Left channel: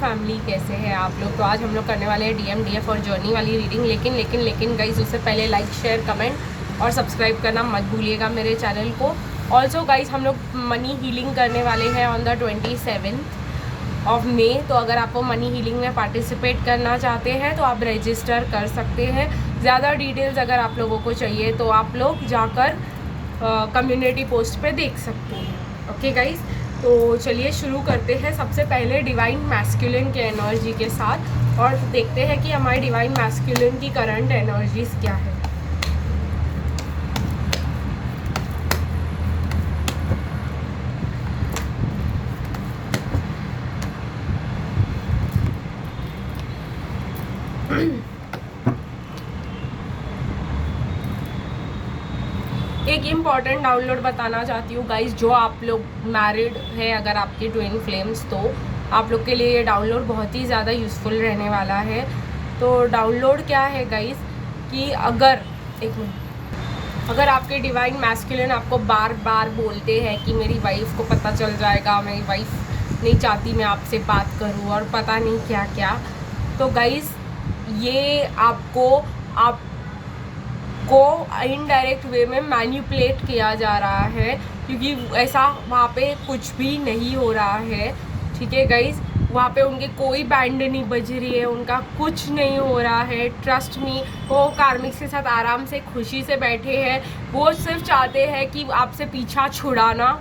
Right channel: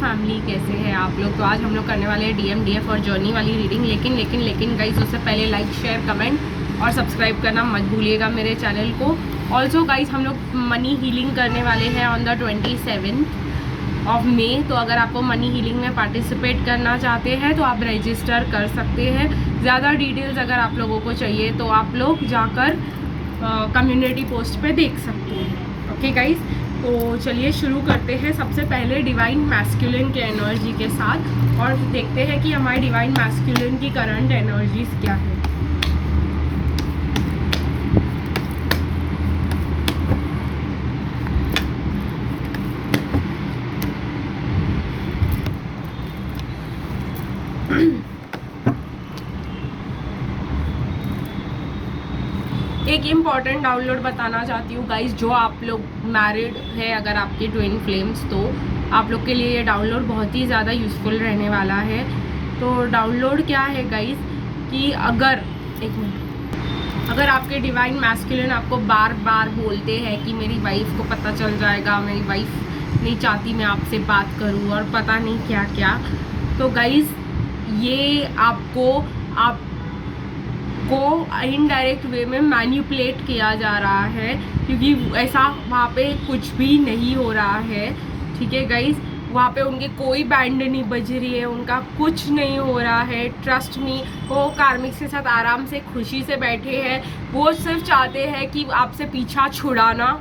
Family, कैसे हैं आप लोग। तो आज हम लोग करने वाले हैं DM DF और जर्नी वाली रीडिंग। लेकिन गाइस उससे पहले लाइक शेयर कमेंट और सब्सक्राइब करना मत भूलिएगा मेरे चैनल को। ऑल्सो गाइस हम लोग मनी हीलिंग करने वाले हैं ऑन द 27 ऑफ मई। तो अगर आप मनी हीलिंग में पार्टिसिपेट करना चाहते हैं तो आप रजिस्टर कर सकते हैं। ज़्यादा डिटेल्स अगर आप लोगों को चाहिए तो आप लोग जाकर कम्युनिटी पोस्ट पे देख सकते हैं। ओके गाइस, तो चलिए शुरू करते हैं। सबसे पहले डिवाइन मैस्कुलिन के एनर्जी के साथ और देखते हैं कि हमारी डिवाइन मैस्कुलिन की करंट एनर्जीज क्या है। एक इम्पॉर्टेंट डाउनलोड बताना चाहती हूँ गाइस, जो आप लोग मैरिड है, अगर आपके ट्विन फ्लेम्स, तो आप लोग के लिए ये डाउनलोड बहुत ही ज़्यादा यूज़फुल रहने वाला है। तो डाउनलोड क्या है गाइस कि अगर आपके डिवाइन मैस्कुलिन आपको बार बार बोलते हैं कि मेरी वाइफ को पता चल जाएगा, मेरी वाइफ नहीं चाहती मैं आपसे बात करूँ और पता नहीं क्या क्या, तो गाइस ये आपको इनडायरेक्ट वे में मैनिपुलेट किया जा रहा है, क्योंकि ऐसा वहाँ पे कुछ भी नहीं हो रहा है। ठीक है गाइस, वहाँ पे उनकी कोई बैंड नहीं बज रही है, उनका कुछ नहीं हो रहा है। ट्रस्ट मी, वो कार्मिक के साथ आराम से खुशी से बैठे हैं। वो सिर्फ चाहते हैं कि आपसे पीछा छुड़ाना,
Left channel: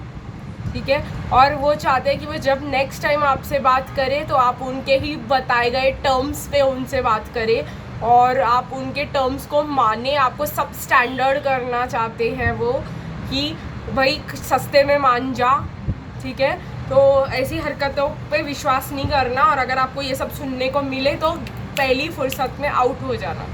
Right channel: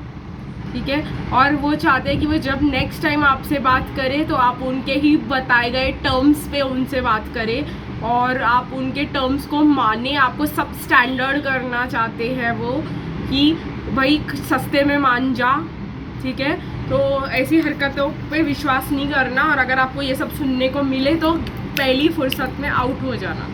ठीक है। और वो चाहते हैं कि वो जब नेक्स्ट टाइम आपसे बात करें तो आप उनके ही बताए गए टर्म्स पे उनसे बात करें और आप उनके टर्म्स को माने। आपको सब स्टैंडर्ड करना चाहते हैं वो, कि भाई सस्ते में मान जा, ठीक है। तो ऐसी हरकतों पे विश्वास नहीं करना, और अगर आपको ये सब सुनने को मिले तो पहली फुर्सत में आउट हो जाना।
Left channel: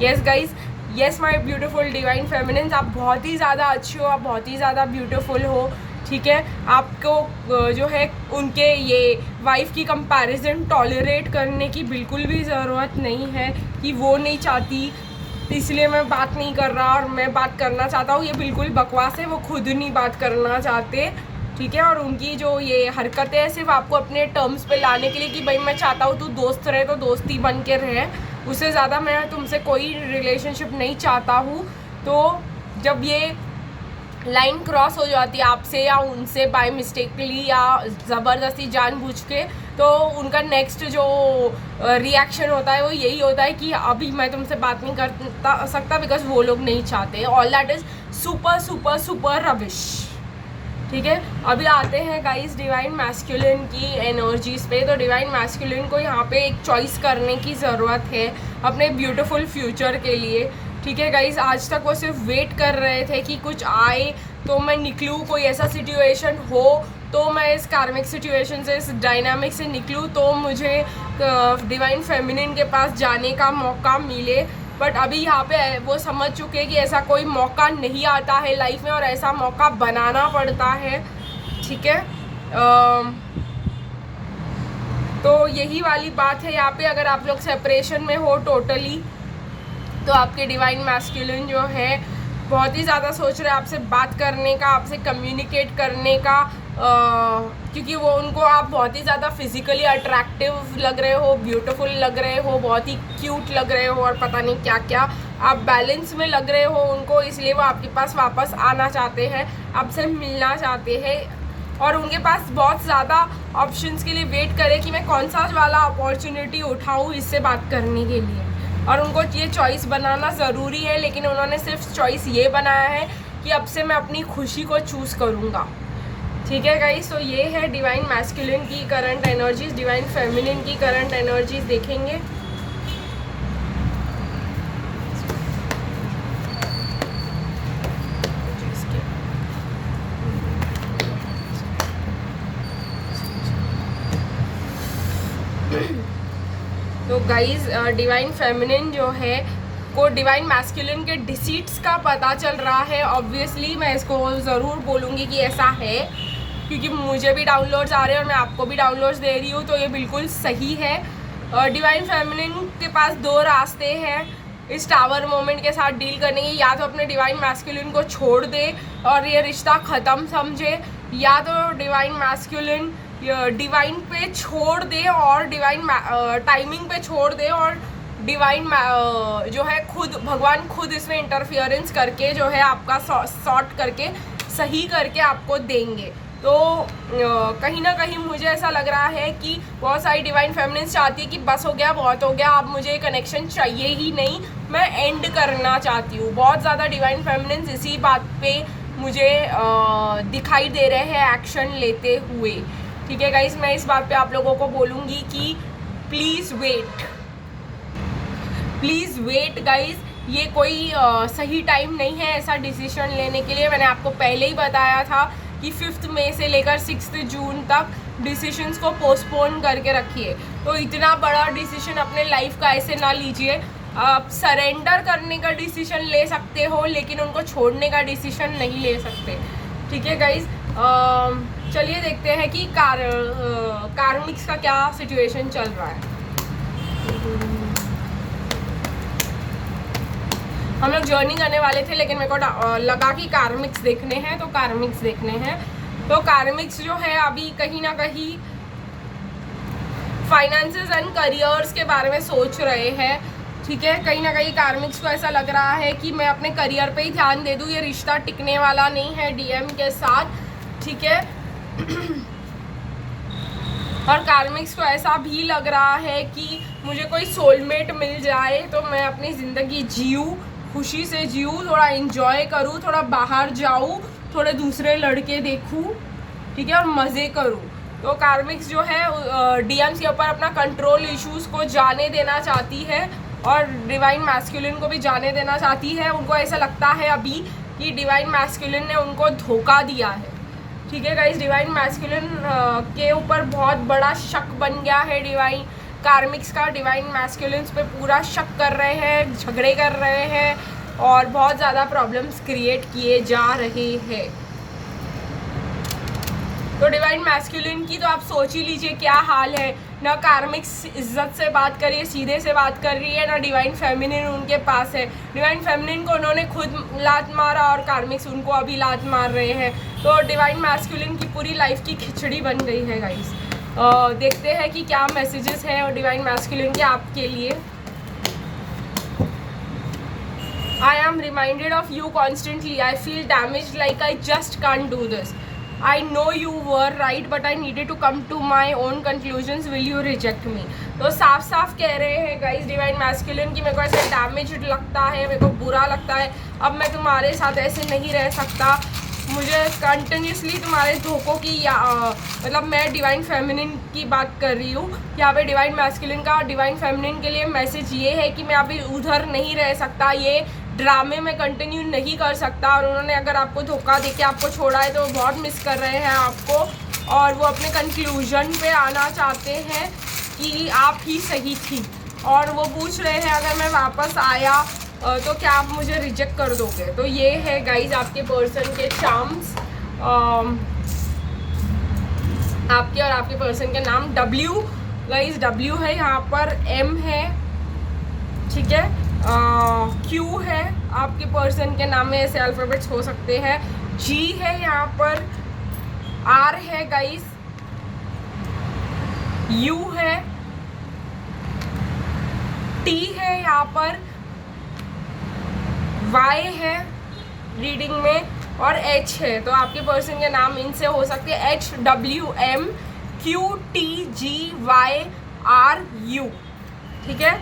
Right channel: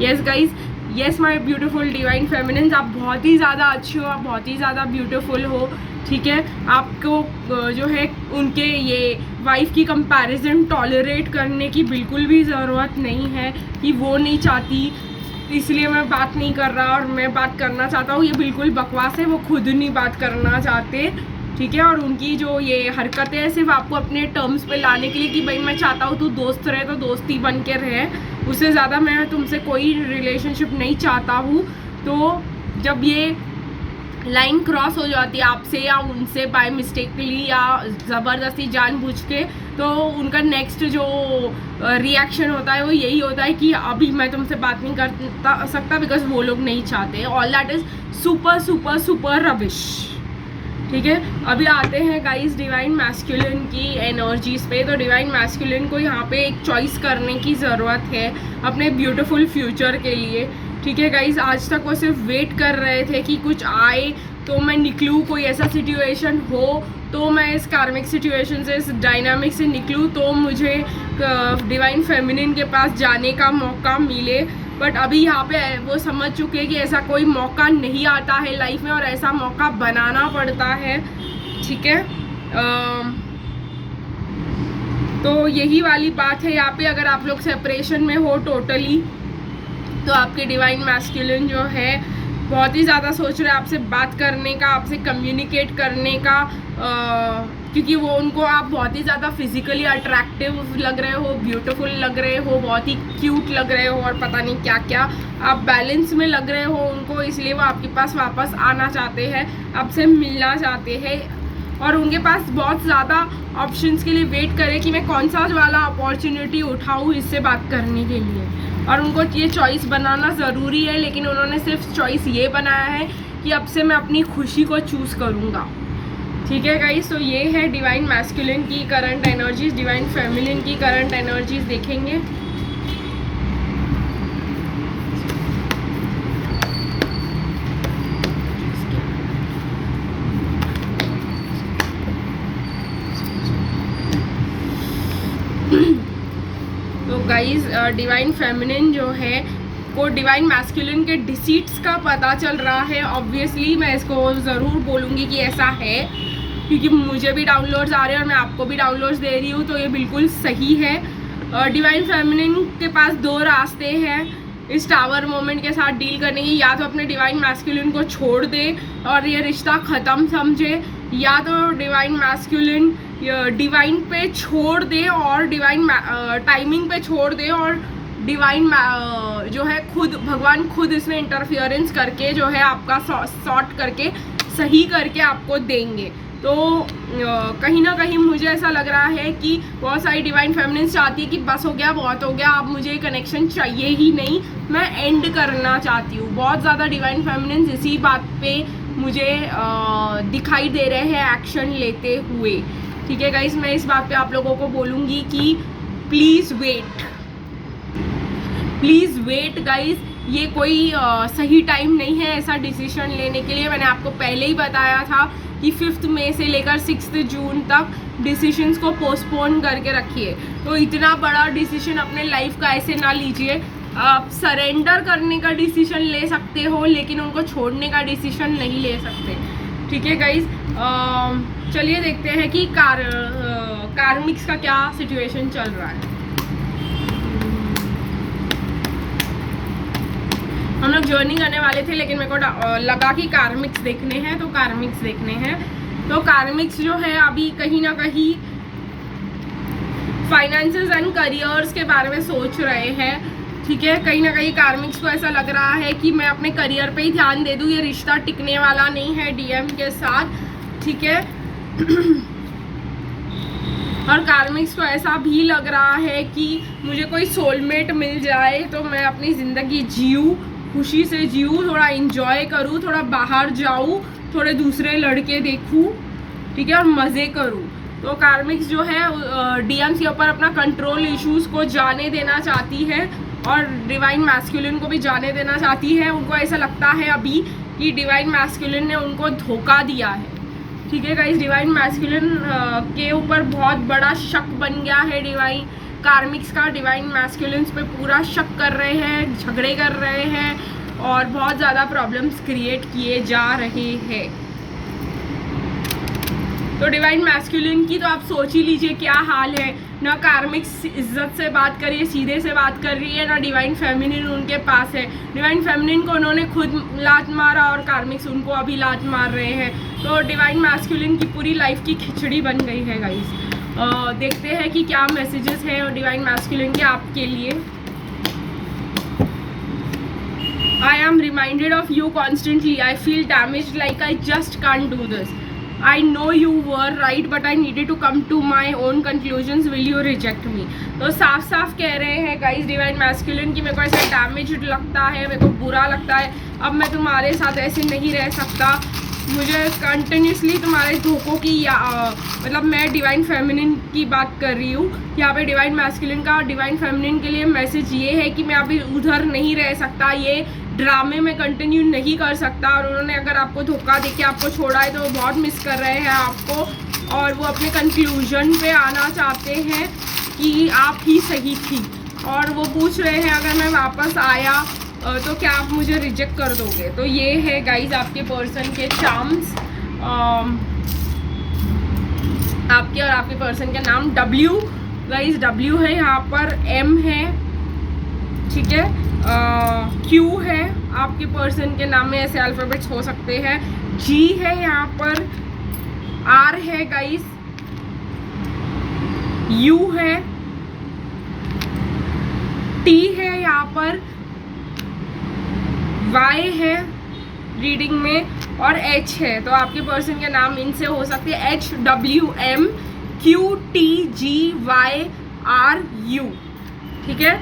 Yes guys, yes my beautiful divine feminines, आप बहुत ही ज़्यादा अच्छे हो, आप बहुत ही ज़्यादा ब्यूटीफुल हो, ठीक है। आपको जो है उनके ये वाइफ की कंपैरिजन टॉलरेट करने की बिल्कुल भी ज़रूरत नहीं है कि वो नहीं चाहती इसलिए मैं बात नहीं कर रहा और मैं बात करना चाहता हूँ। ये बिल्कुल बकवास है, वो खुद नहीं बात करना चाहते, ठीक है। और उनकी जो ये हरकतें हैं सिर्फ आपको अपने टर्म्स पे लाने के लिए कि भाई मैं चाहता हूँ तू दोस्त रहे तो दोस्ती बन के रहे, उससे ज़्यादा मैं तुमसे कोई रिलेशनशिप नहीं चाहता हूँ। तो जब ये लाइन क्रॉस हो जाती है आपसे या उनसे बाय मिस्टेकली या ज़बरदस्ती जानबूझ के, तो उनका नेक्स्ट जो रिएक्शन होता है वो यही होता है कि अभी मैं तुमसे बात नहीं कर सकता बिकॉज वो लोग नहीं चाहते। All that is super super super rubbish, ठीक है। अभी आते हैं गाइस डिवाइन मैस्कुलिन की एनर्जीज पे। तो डिवाइन मैस्कुलिन को यहाँ पे एक चॉइस करने की ज़रूरत है अपने ब्यूटीफुल फ्यूचर के लिए, ठीक है गाइस। आज तक वो सिर्फ वेट कर रहे थे कि कुछ आए तो मैं निकलूँ, कोई ऐसा सिचुएशन हो तो मैं इस कार्मिक सिचुएशन से, इस डायनामिक से निकलूँ, तो मुझे डिवाइन फेमिनिन के पास जाने का मौका मिले। बट अभी यहाँ पे वो समझ चुके हैं कि ऐसा कोई मौका नहीं आता है लाइफ में और ऐसा मौका बनाना पड़ता है, ठीक है। तो यही वाली बात है यहाँ पे। अगर आप लोग सेपरेशन में हो टोटली, तो आपके डिवाइन मैस्कुलिन जो है बहुत ही ज़्यादा सोच रहे हैं आपसे बात करने का, आपसे कम्युनिकेट करने का, क्योंकि वो उनको आप बहुत ही ज़्यादा फिजिकली अट्रैक्टिव लग रहे हो, ब्यूटीफुल लग रहे हो, बहुत ही क्यूट लग रहे हो और पता नहीं क्या क्या, आप बैलेंस में लग रहे हो उनको, इसलिए वो आपके पास वापस आना चाहते हैं, आपसे मिलना चाहते हैं। और उनके पास बहुत ज़्यादा ऑप्शंस के लिए वेट करें कि मैं कौन सा वाला अपॉर्चुनिटी उठाऊँ इससे बात करने के लिए, और उनको ये चॉइस बनाना ज़रूरी है। लेकिन उन्होंने सिर्फ चॉइस ये बनाया है कि अब से मैं अपनी खुशी को चूज़ करूँगा, ठीक है गाइस। तो ये है डिवाइन मैस्कुलिन की करंट एनर्जीज। डिवाइन फेमिनिन की करंट एनर्जीज देखेंगे। तो गाइज डिवाइन फेमिनिन जो है को डिवाइन मैस्कुलिन के डिसीट्स का पता चल रहा है। ऑब्वियसली मैं इसको ज़रूर बोलूँगी कि ऐसा है, क्योंकि मुझे भी डाउनलोड्स आ रहे हैं और मैं आपको भी डाउनलोड्स दे रही हूँ, तो ये बिल्कुल सही है। डिवाइन फेमिनिन के पास दो रास्ते हैं इस टावर मोमेंट के साथ डील करने की। या तो अपने डिवाइन मैस्कुलिन को छोड़ दे और ये रिश्ता ख़त्म समझे, या तो डिवाइन मैस्कुलिन डिवाइन पे छोड़ दे और डिवाइन टाइमिंग पे छोड़ दे और डिवाइन जो है खुद भगवान खुद इसमें इंटरफियरेंस करके जो है आपका सॉर्ट करके सही करके आपको देंगे। तो कहीं ना कहीं मुझे ऐसा लग रहा है कि बहुत सारी डिवाइन फेमिनिन्स चाहती है कि बस हो गया, बहुत हो गया, अब मुझे कनेक्शन चाहिए ही नहीं, मैं एंड करना चाहती हूँ। बहुत ज़्यादा डिवाइन फेमिनिन्स इसी बात पे मुझे दिखाई दे रहे हैं एक्शन लेते हुए। ठीक है गाइस, मैं इस बात पे आप लोगों को बोलूँगी कि प्लीज़ वेट गाइस, ये कोई सही टाइम नहीं है ऐसा डिसीजन लेने के लिए। मैंने आपको पहले ही बताया था कि 5 मई से लेकर 6 जून तक डिसीजंस को पोस्टपोन करके रखिए। तो इतना बड़ा डिसीजन अपने लाइफ का ऐसे ना लीजिए। आप सरेंडर करने का डिसीजन ले सकते हो लेकिन उनको छोड़ने का डिसीजन नहीं ले सकते। ठीक है गाइज, चलिए देखते हैं कि कार्मिक्स का क्या सिचुएशन चल रहा है। हम लोग जर्नी करने वाले थे लेकिन मेरे को लगा कि कार्मिक्स देखने हैं, तो कार्मिक्स देखने हैं। तो कार्मिक्स जो है अभी कहीं ना कहीं फाइनेंसेस एंड करियर्स के बारे में सोच रहे हैं। ठीक है, कहीं ना कहीं कार्मिक्स को ऐसा लग रहा है कि मैं अपने करियर पे ही ध्यान दे दूँ, ये रिश्ता टिकने वाला नहीं है डीएम के साथ। ठीक है और कार्मिक्स को ऐसा भी लग रहा है कि मुझे कोई सोलमेट मिल जाए तो मैं अपनी ज़िंदगी जीऊँ, खुशी से जीऊँ, थोड़ा इंजॉय करूँ, थोड़ा बाहर जाऊँ, थोड़े दूसरे लड़के देखूँ, ठीक है, और मज़े करूँ। तो कार्मिक्स जो है डीएम्स के ऊपर अपना कंट्रोल इश्यूज़ को जाने देना चाहती है और डिवाइन मैस्कुलिन को भी जाने देना चाहती है। उनको ऐसा लगता है अभी कि डिवाइन मैस्कुलिन ने उनको धोखा दिया है। ठीक है गाइस, डिवाइन मैस्कुलिन के ऊपर बहुत बड़ा शक बन गया है डिवाइन कार्मिक्स का। डिवाइन मैस्कुलिन्स पे पूरा शक कर रहे हैं, झगड़े कर रहे हैं और बहुत ज़्यादा प्रॉब्लम्स क्रिएट किए जा रहे हैं। तो डिवाइन मैस्कुलिन की तो आप सोच ही लीजिए क्या हाल है। ना कार्मिक्स इज्जत से बात कर रही है, सीधे से बात कर रही है, ना डिवाइन फेमिनिन उनके पास है। डिवाइन फेमिनिन को उन्होंने खुद लात मारा और कार्मिक्स उनको अभी लात मार रहे हैं। तो डिवाइन मैस्कुलिन की पूरी लाइफ की खिचड़ी बन गई है गाइस। देखते हैं कि क्या मैसेजेस हैं डिवाइन मैस्कुलिन के आपके लिए। I am reminded of you constantly. I feel damaged, like I just can't do this. I know you were right, but I needed to come to my own conclusions. Will you reject me? तो साफ साफ कह रहे हैं guys divine masculine की मेरे को ऐसे डैमेज्ड लगता है, मेरे को बुरा लगता है। अब मैं तुम्हारे साथ ऐसे नहीं रह सकता, मुझे कंटिन्यूसली तुम्हारे धोखों की मतलब मैं डिवाइन फेमिनिन की बात कर रही हूँ यहाँ पे। डिवाइन मैस्कुलिन का डिवाइन फेमिनिन के लिए मैसेज ये है कि मैं अभी उधर नहीं रह सकता, ये ड्रामे में कंटिन्यू नहीं कर सकता। और उन्होंने अगर आपको धोखा देके आपको छोड़ा है तो वो बहुत मिस कर रहे हैं आपको और वो अपने कंक्लूजन पे आना चाहते हैं कि आप ही सही थी। और वो पूछ रहे हैं अगर मैं वापस आया तो क्या आप मुझे रिजेक्ट कर दोगे। तो ये है गाइज आपके पर्सन के चार्म्स, आपके और आपके पर्सन के नाम। W गाइज, W है यहाँ पर, M है, ठीक है, Q है, आपके पर्सन के नाम में ऐसे अल्फ़ाबेट्स हो सकते हैं। G है यहाँ पर, R है गाइज, U है, T है यहाँ पर, Y है रीडिंग में और H है। तो आपके पर्सन के नाम इनसे हो सकते हैं HWM QTGYRU। ठीक है,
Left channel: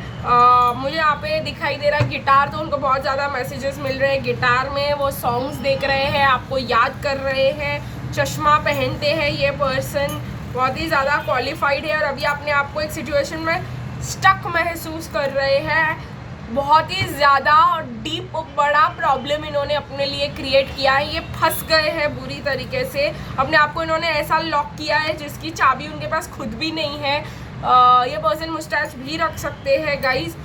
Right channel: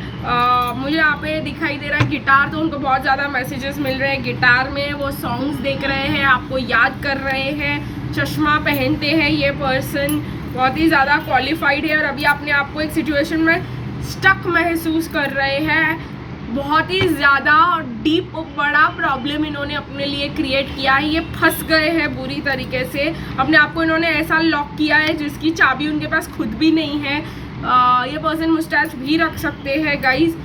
मुझे यहाँ पे दिखाई दे रहा है गिटार, तो उनको बहुत ज़्यादा मैसेजेस मिल रहे हैं गिटार में। वो सॉन्ग्स देख रहे हैं, आपको याद कर रहे हैं, चश्मा पहनते हैं। ये पर्सन बहुत ही ज़्यादा क्वालिफाइड है और अभी अपने आप को एक सिचुएशन में स्टक महसूस कर रहे हैं। बहुत ही ज़्यादा डीप बड़ा प्रॉब्लम इन्होंने अपने लिए क्रिएट किया है। ये फंस गए हैं बुरी तरीके से, अपने आप को इन्होंने ऐसा लॉक किया है जिसकी चाबी उनके पास खुद भी नहीं है। ये पर्सन मुस्टैच भी रख सकते हैं गाइज,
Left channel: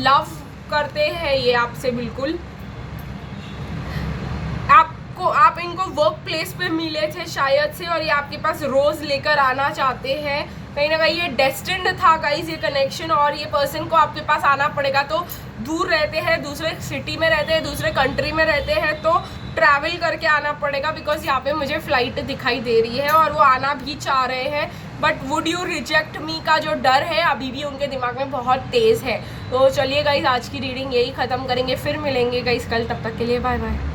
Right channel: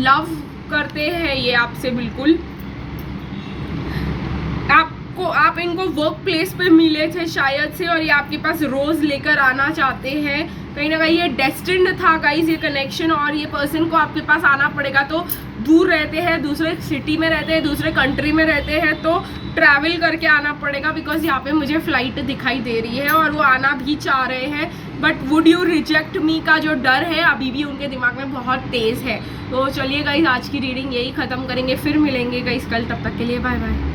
लव करते हैं ये आपसे बिल्कुल। आप इनको वर्क प्लेस पे मिले थे शायद से और ये आपके पास रोज़ लेकर आना चाहते हैं। कहीं ना कहीं ये डेस्टिन्ड था गाइज ये कनेक्शन, और ये पर्सन को आपके पास आना पड़ेगा। तो दूर रहते हैं, दूसरे सिटी में रहते हैं, दूसरे कंट्री में रहते हैं, तो ट्रैवल करके आना पड़ेगा, बिकॉज यहाँ पे मुझे फ़्लाइट दिखाई दे रही है और वो आना भी चाह रहे हैं, बट वुड यू रिजेक्ट मी का जो डर है अभी भी उनके दिमाग में बहुत तेज़ है। तो चलिए गाइस, आज की रीडिंग यही ख़त्म करेंगे, फिर मिलेंगे गाइस कल, तब तक के लिए बाय बाय।